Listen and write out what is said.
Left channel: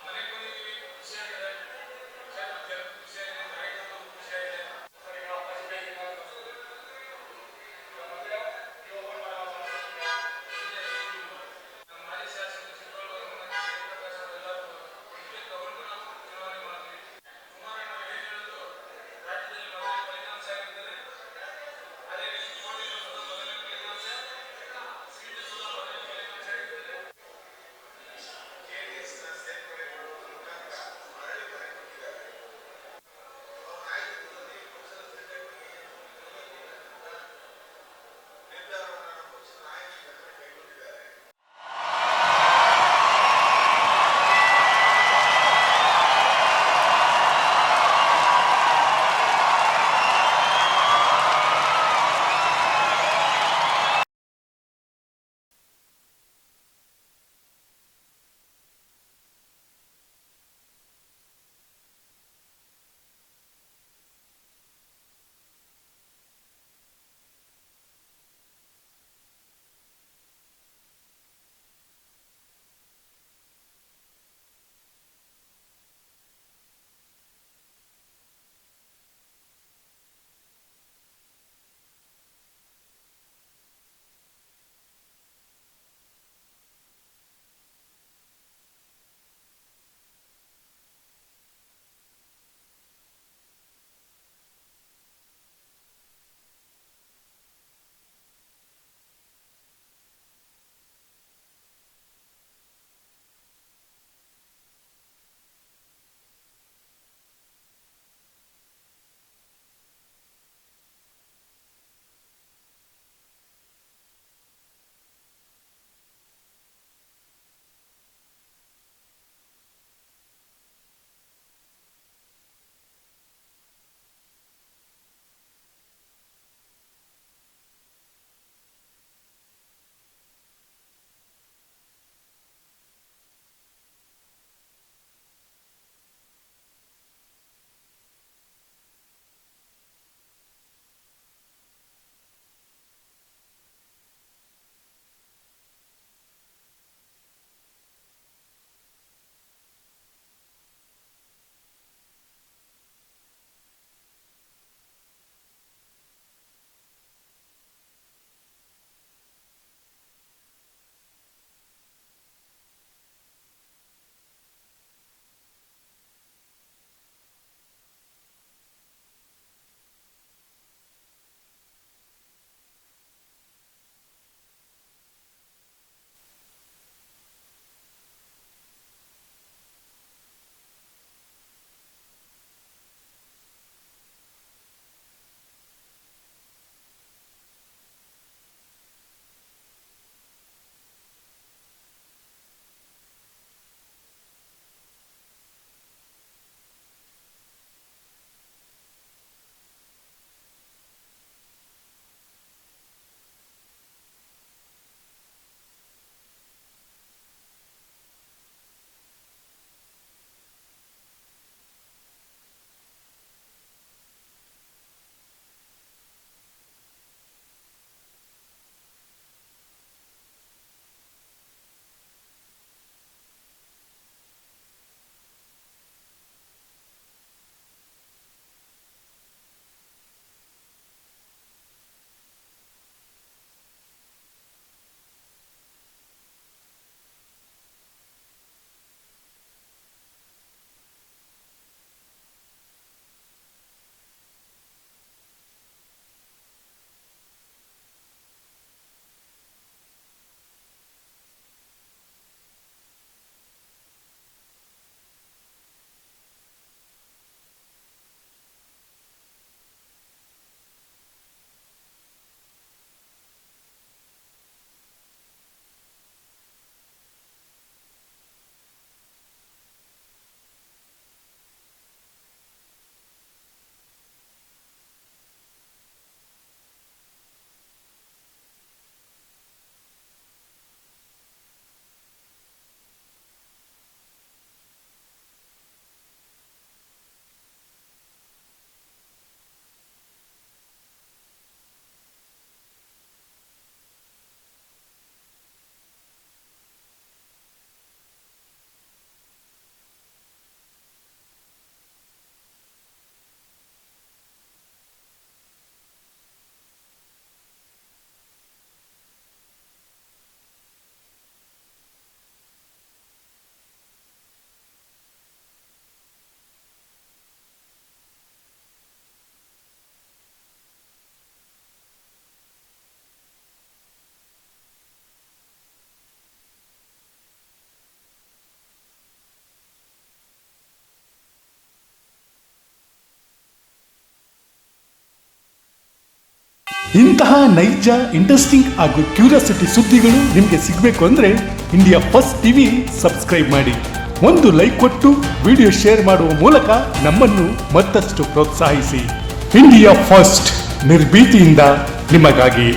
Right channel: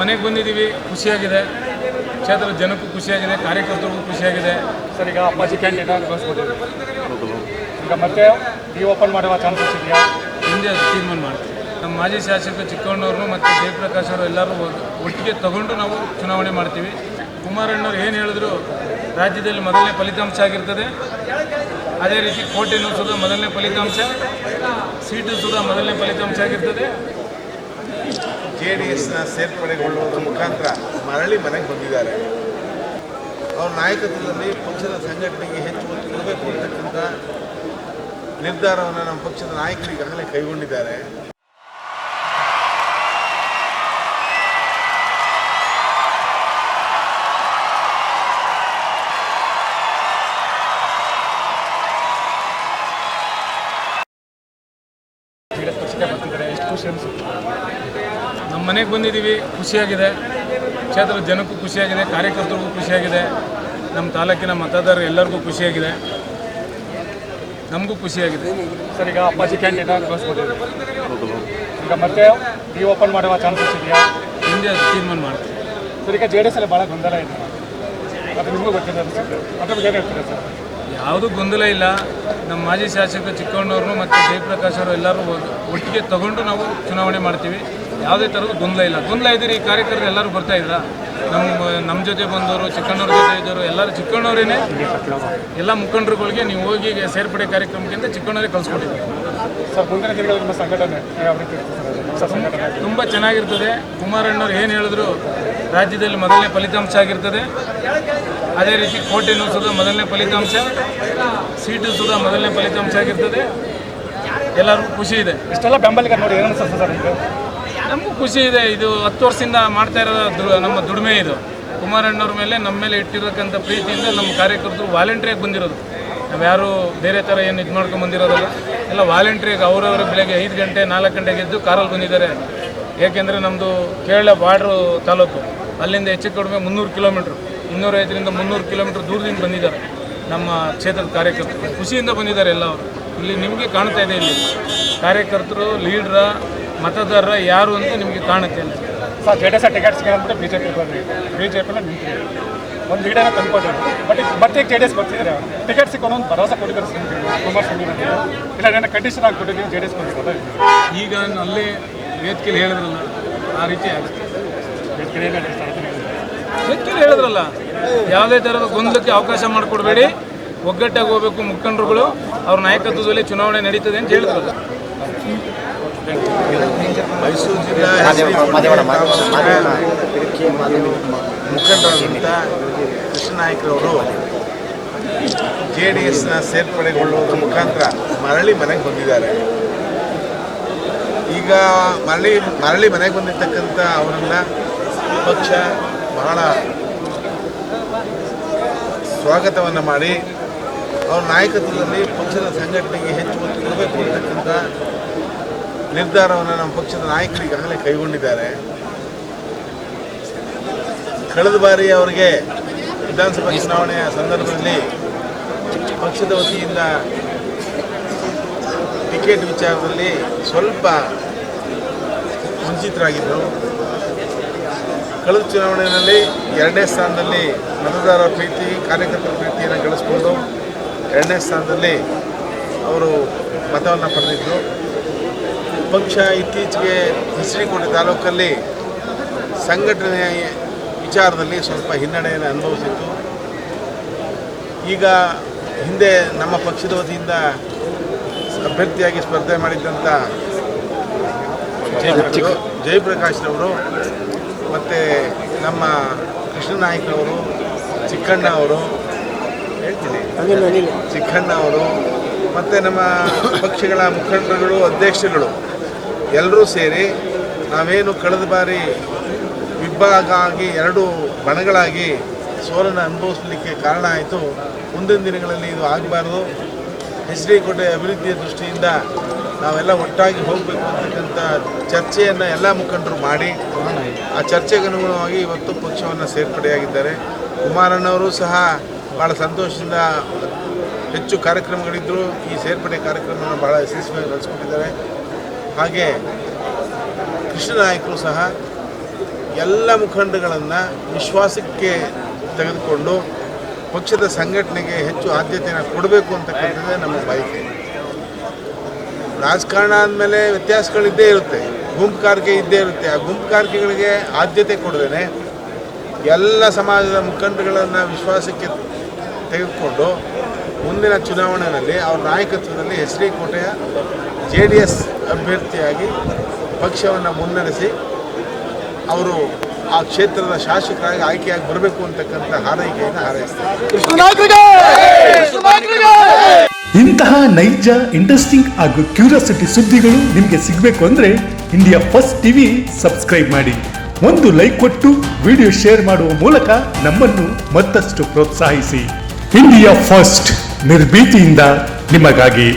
ಮನೆಗೆ ಬಂದಿದ್ದೀವಿ, ಖುಷಿಯಾಗಿದೆ. ಕ್ಷೇತ್ರದ ಜನಕ್ಕೂ ಖುಷಿಯಾಗಿದೆ, ಕಾರ್ಯಕರ್ತರಿಗೂ ಖುಷಿಯಾಗಿದೆ. ಸರ್, ಈಗ ಅಪ್ಪಾಜಿ ಕ್ಯಾಂಡಿಡೇಟ್ ಘೋಷಿಸ್ಬಿಟ್ಟಿದೆ. ಈಗ ಮತ್ತೆ ಈ ಓಪನ್ ಮಾಡುವ ಚಾನ್ಸಸ್ ಇದೆಯಾ? ಹಿಂದೆ ತೀರ್ಮಾನ ಮಾಡ್ತೀವಿ. ನಮ್ಮ ಮಾಜಿ ಶಾಸಕ ಚಿಕ್ಕಣ್ಣವ್ರನ್ನು ಮತ್ತು ಜಯಪ್ರಕಾಶ್ ಅವರು ಎಲ್ಲರೂ ಒಟ್ಟಿಗೆ ತಗೊಂಡು ನಾವು ಚುನಾವಣೆ ಮಾಡ್ತೀವಿ. ಕುಮಾರಣ್ಣವ್ರು ಏನು ಹೇಳಿದ್ರು, ರಾಜ್ಯದಲ್ಲಿ ಮೊದಲನೇ ಫಲಿತಾಂಶ ಆಗಿರ್ತದೆ. ಅದೇ ರೀತಿ ಕೋಟೆನೂ ಸುಧಾ ಮೊದಲನೇ ಫಲಿತಾಂಶ, ಸೀಟು ಸುಧಾ ಮೊದಲನೇ ಫಲಿತಾಂಶ ಆಗಿರ್ತದೆ. JDSನ ಸೇರ್ಪಡೆಗೊಳ್ಳುವುದರ ಮುಖಾಂತರ ಮರಳಿ ಮನೆಗೆ ಬಂದಿದ್ದಾರೆ. ಅವರ ನಾಯಕತ್ವದಲ್ಲಿ ಪಕ್ಷದ ಸಂಘಟನೆಗೆ ಹೆಚ್ಚು ಒತ್ತು ಕೊಡಬೇಕು ಅಂತಕ್ಕಂಥ ನಿರ್ಧಾರವನ್ನು ನಮ್ಮ ಪಕ್ಷದ ನಾಯಕರು ಈಗಾಗಲೇ ಕೈಗೊಂಡಿದ್ದಾರೆ. ನಮ್ಮ ಮನೆಗೆ ಬಂದಿದ್ದೀವಿ, ಖುಷಿಯಾಗಿದೆ. ಕ್ಷೇತ್ರದ ಜನಕ್ಕೂ ಖುಷಿಯಾಗಿದೆ, ಕಾರ್ಯಕರ್ತರಿಗೂ ಖುಷಿಯಾಗಿದೆ. ನಮ್ಮ ತಾಲೂಕಿನ ಮತದಾರರು ಎಲ್ಲರಿಗೂ ಖುಷಿಯಾಗಿದೆ, ನಮಗೂ ಖುಷಿಯಾಗಿದೆ. ಸರ್, ಈಗ ಅಪ್ಪಾಜಿ ಕ್ಯಾಂಡಿಡೇಟ್ ಘೋಷಿಸ್ಬಿಟ್ಟಿದೆ. ಈಗ ಮತ್ತೆ ಈ ಓಪನ್ ಮಾಡುವ ಚಾನ್ಸಸ್ ಇದೆಯಾ? ಹಿಂದೆ ತೀರ್ಮಾನ ಮಾಡ್ತೀವಿ. ಸರ್, ಈಗ JDS ಅಲ್ಲಿ ಭಾಳ ಗೊಂದಲ ಇದೆ, ಅದು ನಿಮಗೂ ಗೊತ್ತಿದೆ ಅನಿಸುತ್ತೆ. ಅದ್ರ ಬಗ್ಗೆ ಏನು ಹೇಳ್ತೀರಾ ಸರ್? ಯಾವುದೂ ಗೊಂದಲ ಇಲ್ಲ. ನಮ್ಮ ಮಾಜಿ ಶಾಸಕ ಚಿಕ್ಕಣ್ಣವ್ರನ್ನು ಮತ್ತು ಜಯಪ್ರಕಾಶ್ ಅವರು ಎಲ್ಲರೂ ಒಟ್ಟಿಗೆ ತಗೊಂಡು ನಾವು ಚುನಾವಣೆ ಮಾಡ್ತೀವಿ. ಯಾವುದೇ ಥರದ ಗೊಂದಲ ಇಲ್ಲ. ಗೊಂದಲ ಇದ್ದೀರಿ, ಈ ಕಾರ್ಯಕರ್ತರು ಎಲ್ಲರೂ ಬರ್ತಾಯಿದ್ರ. ನಮ್ಮ ಜೊತೆ ಬಂದವರು, ಚಿಕ್ಕಣ್ಣವ್ರ ಜೊತೆ ಇದ್ದವರು ಎಲ್ಲರೂ ಚಿಕ್ಕಣ್ಣವರೇನೆ. ಎಲ್ಲ ಮುಖಂಡರುಗಳಿಗೆ ನೀವು ಹೋಗಿ ಸೇರ್ಪಡೆ ಕಾರ್ಯಕ್ರಮಕ್ಕಿಂತ ಚಿಕ್ಕಣ್ಣವರೇ ಕಳಿಸ್ಕೊಟ್ಟಿದ್ದಾರೆ. ಸರ್, ಮುಂದಿನ ದಿನಗಳಲ್ಲಿ ನಿಮ್ಮ ಸಂಘಟನೆ ಯಾವ ರೀತಿ ಇರ್ತದೆ ಸರ್? ಸಂಘಟನೆ ತುಂಬ ಚೆನ್ನಾಗಿರ್ತದೆ. ಕುಮಾರಣ್ಣವ್ರು ಏನು ಹೇಳಿದ್ರು, ರಾಜ್ಯದಲ್ಲಿ ಮೊದಲನೇ ಫಲಿತಾಂಶ ಆಗಿರ್ತದೆ. ಅದೇ ರೀತಿ ಕೋಟೆನೂ ಸುಧಾ ಮೊದಲನೇ ಫಲಿತಾಂಶ, ಸೀಟು ಸುಧಾ ಮೊದಲನೇ ಫಲಿತಾಂಶ ಆಗಿರ್ತದೆ. ಎಲ್ಲರಿಗೂ ಖುಷಿ ಇದೆ. ಇಷ್ಟೆಲ್ಲ ಬೆಂಬಲಿಗ ನೋಡಿ ಏನು ಅನಿಸುತ್ತೆ ಸರ್ ನಿಮಗೆ? ನಮಗೂ ಖುಷಿ ಇದೆ. ಇದು 10 ವರ್ಷದಿಂದ ಮಾಡ್ತಾ ಇರೋ ನಮ್ಮ ದುಡಿಮೆ ಇದು. ಕುಮಾರಣ್ಣವ್ರ ಮೇಲೆ ನಮ್ಮ ಮೇಲೆ ಇಟ್ಟಿರತಕ್ಕಂಥ ಪ್ರೀತಿಯಿಂದ ನಮ್ಮ ಕಾರ್ಯಕರ್ತರು ವಾಲಂಟ್ರಿಯಾಗಿ ಬಂದಿರೋದು. ನಾವು ಯಾರು ಬೇರೆ ಥರ ಏನು ಇದು ಮಾಡ್ಕೊಂಡು ಬಂದಿರೋದಲ್ಲ, ಎಲ್ಲ ವಾಲಂಟ್ರಿಯಾಗಿ ಅವರವರ ಬೆಳಗ್ಗೆ 5 ಗಂಟೆ 4 ಗಂಟೆಗೆ ಎದ್ದು ಕಾರಲ್ಲಿ ಬಂದಿದ್ದಾರೆ. ಏಕೆಂದರೆ ನಮ್ಮದು ಕೇರಳ ಬಾರ್ಡ್ರು ತಾಲೂಕು, ಅಲ್ಲಿಂದ ಹೆಚ್ಚು ಕಡಿಮೆ 300 ಕಿಲೋಮೀಟ್ರು, 250ರಿಂದ 300 ಕಿಲೋಮೀಟ್ರ್ ದೂರದಿಂದ ಬಂದಿದ್ದಾರೆ ನಮ್ಮ ಕ್ಷೇತ್ರದ ಕಾರ್ಯಕರ್ತರು. ಖುಷಿಯಿಂದ ಬಂದಿದ್ದಾರೆ ಎಲ್ಲ ಅವರು. ಇಲ್ಲಿ ನಿಮಗೆ ಕಾಣ್ತಾ ಇದೆ, ಇಲ್ಲಿ ಕಾರ್ಯಕರ್ತರು, ಲೀಡ್ರ, ಮತದಾರರ ಯಾರು ಅಂತ ನಿಮಗೆ ಕಾಣುತ್ತೆ. ಇಲ್ಲ ಸರ್, JDS ಟಿಕೆಟ್ ಸಿಗೋದ್ಬಿಟ್ಟು BJP ಬಂದ್ರಿ, BJP ನಿಂತ್ರಿ, ಒಂದು ಲೀಡರ್ನ ತಂದ್ಕೊಟ್ಟಿದ್ರು. ಬಟ್ ಮತ್ತೆ JDS ಬರ್ತಿದ್ರೆ ಟಿಕೆಟ್ ಸಿಕ್ಕೊಂಡು ಒಂದು ಭರವಸೆ ಕೊಟ್ಟಿದ್ದಾರೆ ಕುಮಾರಸ್ವಾಮಿ ಬಗ್ಗೆ. ಇಲ್ಲ ಏನೋ ಕಂಡೀಷನ್ ಆಗಿಬಿಟ್ಟಿದ್ದೀವಿ JDS ಕೊಟ್ಟಿರೋದು. ಈಗ ಅಲ್ಲೇ ವೇದಿಕೆಯಲ್ಲಿ ಹೇಳಿದ್ರಲ್ಲ, ಆ ರೀತಿ ಆಗುತ್ತೆ. ವೇದಿಕೆಯಲ್ಲಿ ಹೇಳಿದ್ರಲ್ಲ, ಯಾವುದೇ ಥರದ ಗೊಂದಲಕ್ಕೆ ಅವಕಾಶ ಮಾಡಿಕೊಡ್ಬೇಡಿ, ಒಗ್ಗಟ್ಟಾಗಿ ಹೋಗಬೇಕು ಮುಖಂಡರುಗಳು, ಅವ್ರ ನಾಯಕತ್ವದಲ್ಲಿ ಚುನಾವಣೆ ನಡೀತದೆ ಅಂತ ಹೇಳಿದ್ರಲ್ಲ. ಮೈಸೂರು ಜಿಲ್ಲಾ ಮುಖಂಡರಾದಂಥ ಕೃಷ್ಣನಾಯ್ಕರವರು JDSನ ಸೇರ್ಪಡೆಗೊಳ್ಳುವುದರ ಮುಖಾಂತರ ಮರಳಿ ಮನೆಗೆ ಬಂದಿದ್ದಾರೆ. ಈಗ ಮರಳಿ ಮನೆಗೆ ಬಂದಿರತಕ್ಕಂಥ ಅವರನ್ನು ಪಕ್ಷ ಬಹಳ ಸ್ವಾಗತವನ್ನು ಮಾಡಿ ಅವರ ನಾಯಕತ್ವದಲ್ಲಿ ಪಕ್ಷದ ಸಂಘಟನೆಗೆ ಹೆಚ್ಚು ಒತ್ತು ಕೊಡಬೇಕು ಅಂತಕ್ಕಂಥ ನಿರ್ಧಾರವನ್ನು ನಮ್ಮ ಪಕ್ಷದ ನಾಯಕರು ಈಗಾಗಲೇ ಕೈಗೊಂಡಿದ್ದಾರೆ. ಕಳೆದ ಬಾರಿ ಅವರಿಗೆ ವಿಧಾನಸಭಾ ಚುನಾವಣೆಯ ಸಂದರ್ಭದಲ್ಲಿ ಪಕ್ಷದ ವತಿಯಿಂದ ಟಿಕೆಟ್ ವಿಚಾರದಲ್ಲಿ ಸ್ವಲ್ಪ ವಂಚಿತರಾಗಿದ್ದರು. ಕಳೆದ ಚುನಾವಣೆಯಲ್ಲಿ 2ನೇ ಸ್ಥಾನದಲ್ಲಿ ಮತದಾರರ ಪ್ರೀತಿ, ಕಾರ್ಯಕರ್ತರ ಪ್ರೀತಿಯನ್ನು ಗಳಿಸ್ಕೊಂಡು 2ನೇ ಸ್ಥಾನದಲ್ಲಿ ಅವರು ಮತವನ್ನು ಪಡೆದಿದ್ದರು. ಪಕ್ಷ ಇತ್ತೀಚೆಗೆ ಹೆಸರಿಕೋಟೆ ತಾಲೂಕಲ್ಲಿ ಸಂಘಟನೆಯ ವಿಚಾರದಲ್ಲಿ ಸ್ವಲ್ಪ ಹಿನ್ನಡೆಯನ್ನು ಅನುಭವಿಸಿತ್ತು. ಈಗ ಹಿಂದೆ ನಮ್ಮ ಪಕ್ಷದ ವತಿಯಿಂದ ಅಭ್ಯರ್ಥಿಯಾಗಿ ಸ್ಪರ್ಧೆ ಮಾಡಿದ್ದಂಥ ಜಯಪ್ರಕಾಶ್ರವರು ಮತ್ತು ನಮ್ಮ ಕೃಷ್ಣನಾಯ್ಕರವರು, ಚಿಕ್ಕಣ್ಣ ಅವರು ಮತ್ತು ನಮ್ಮ ಪಕ್ಷಗಳ ಮುಖಂಡರುಗಳು, ಅಧ್ಯಕ್ಷರುಗಳು ಎಲ್ಲರೂ ಸೇರಿ ನಾವೇನು ಕಳೆದ ಬಾರಿ ವಿಭಾಗ ಆಗಿ 2 ಬಣಗಳಾಗಿ ಸೋಲನ್ನು ಅನುಭವಿಸಲಿಕ್ಕೆ ಕಾರಣ ಆಯಿತು. ಮುಂದಿನ ದಿನಗಳಲ್ಲಿ ಇದು ಆಗಬಾರ್ದು. ಹೆಸರಿಕೋಟೆ ಅಭಿವೃದ್ಧಿಯ ದೃಷ್ಟಿಯಿಂದ ನಾವೆಲ್ಲ ಒಟ್ಟಾಗಿ ಹೋಗಬೇಕು ಅಂತಕ್ಕಂಥ ಚರ್ಚೆಯನ್ನು ಎಲ್ಲ ಮುಖಂಡರು ಮಾಡಿ ಆ ಚರ್ಚೆಗೆ ಅನುಗುಣವಾಗಿ ಇವತ್ತು ಪಕ್ಷವನ್ನು ಸೇರ್ಪಡೆಯಾಗಿದ್ದಾರೆ. ಕುಮಾರಣ್ಣವರು ಸಹ ಭಾಳ ಸಂತೋಷದಿಂದ ಹೆಚ್ಚು ಕಾರ್ಯಕ್ರಮಗಳಿದ್ದರೂ ಈ ಸೇರ್ಪಡೆ ಕಾರ್ಯಕ್ರಮವನ್ನು ಭಾಳ ಯಶಸ್ವಿಯಾಗಿ ನಡೆಸ್ಕೊಂಡಿದ್ದಾರೆ. ಹಾಗೆ ಕೃಷ್ಣನಾಯ್ಕರು ಸಹ ಎಲ್ಲ ಮುಖಂಡಗಳನ್ನು ವಿಶ್ವಾಸಕ್ಕೆ ತೆಗೆದುಕೊಂಡು ಪಕ್ಷದ ಸಂಘಟನೆಗೆ ಹೆಚ್ಚು ಆದ್ಯತೆಯನ್ನು ಕೊಡಬೇಕು ಅಂತಕ್ಕಂಥದ್ದೇ ನಮ್ಮ ಬಯಕೆ. ರಾಜಕಾರಣ ಆದಮೇಲೆ ವ್ಯತ್ಯಾಸಗಳಿದ್ದೇ ಇರುತ್ತೆ, ಗುಂಪುಗಾರಿಕೆ ಇದ್ದೇ ಇರುತ್ತೆ. ಆ ಗುಂಪುಗಾರಿಕೆಗಳಿಗೆ ಆದ್ಯತೆ ಕೊಡದೇನೆ ಎಲ್ಲ ಸಮಾಜದ ಮುಖಂಡಗಳನ್ನು ವಿಶ್ವಾಸಕ್ಕೆ ತೆಗೆದುಕೊಂಡು ಮುಂದಿನ ಚುನಾವಣೆಯಲ್ಲಿ ಅವರ ನಾಯಕತ್ವದಲ್ಲಿ ಹೆಸರಿಕೋಟೆಯ JDS ಅಭ್ಯರ್ಥಿಯಾಗಿ ಪಕ್ಷವನ್ನು ಮುನ್ನಡೆಸಿ ಅವರು ಆ ಕ್ಷೇತ್ರದ ಶಾಸಕರಾಗಿ ಆಯ್ಕೆಯಾಗಿ ಬರಬೇಕು ಅಂತಕ್ಕಂಥ ಹಾರೈಕೆಯನ್ನು ಹಾರೈಸ್ತಾರೆ. ಇಂತಹ ನೈಜ, ಇಂಟ್ರೆಸ್ಟಿಂಗ್ ಹಾಗೂ ಕ್ಯೂರಿಯಾಸಿಟಿ ಸುದ್ದಿಗಳು ನಿಮಗೆ ಸಿಗಬೇಕು ಅಂದರೆ ಇಂಡಿಯಾ ಫಸ್ಟ್ ಟಿವಿ ಸಬ್ಸ್ಕ್ರೈಬ್ ಮಾಡಿ. ಒಂದು ಲೈಕ್ ಕೊಟ್ಟು ವಿಡಿಯೋ ಶೇರ್ ಮಾಡುವ ಮೂಲಕ ನಮ್ಮನ್ನು ಮತ್ತಷ್ಟು ಪ್ರೋತ್ಸಾಹಿಸಿ. ಇಂಡಿಯಾ ಫಸ್ಟ್, ನಿರ್ಭೀತಿಯಿಂದ ನಿಮಗಾಗಿ.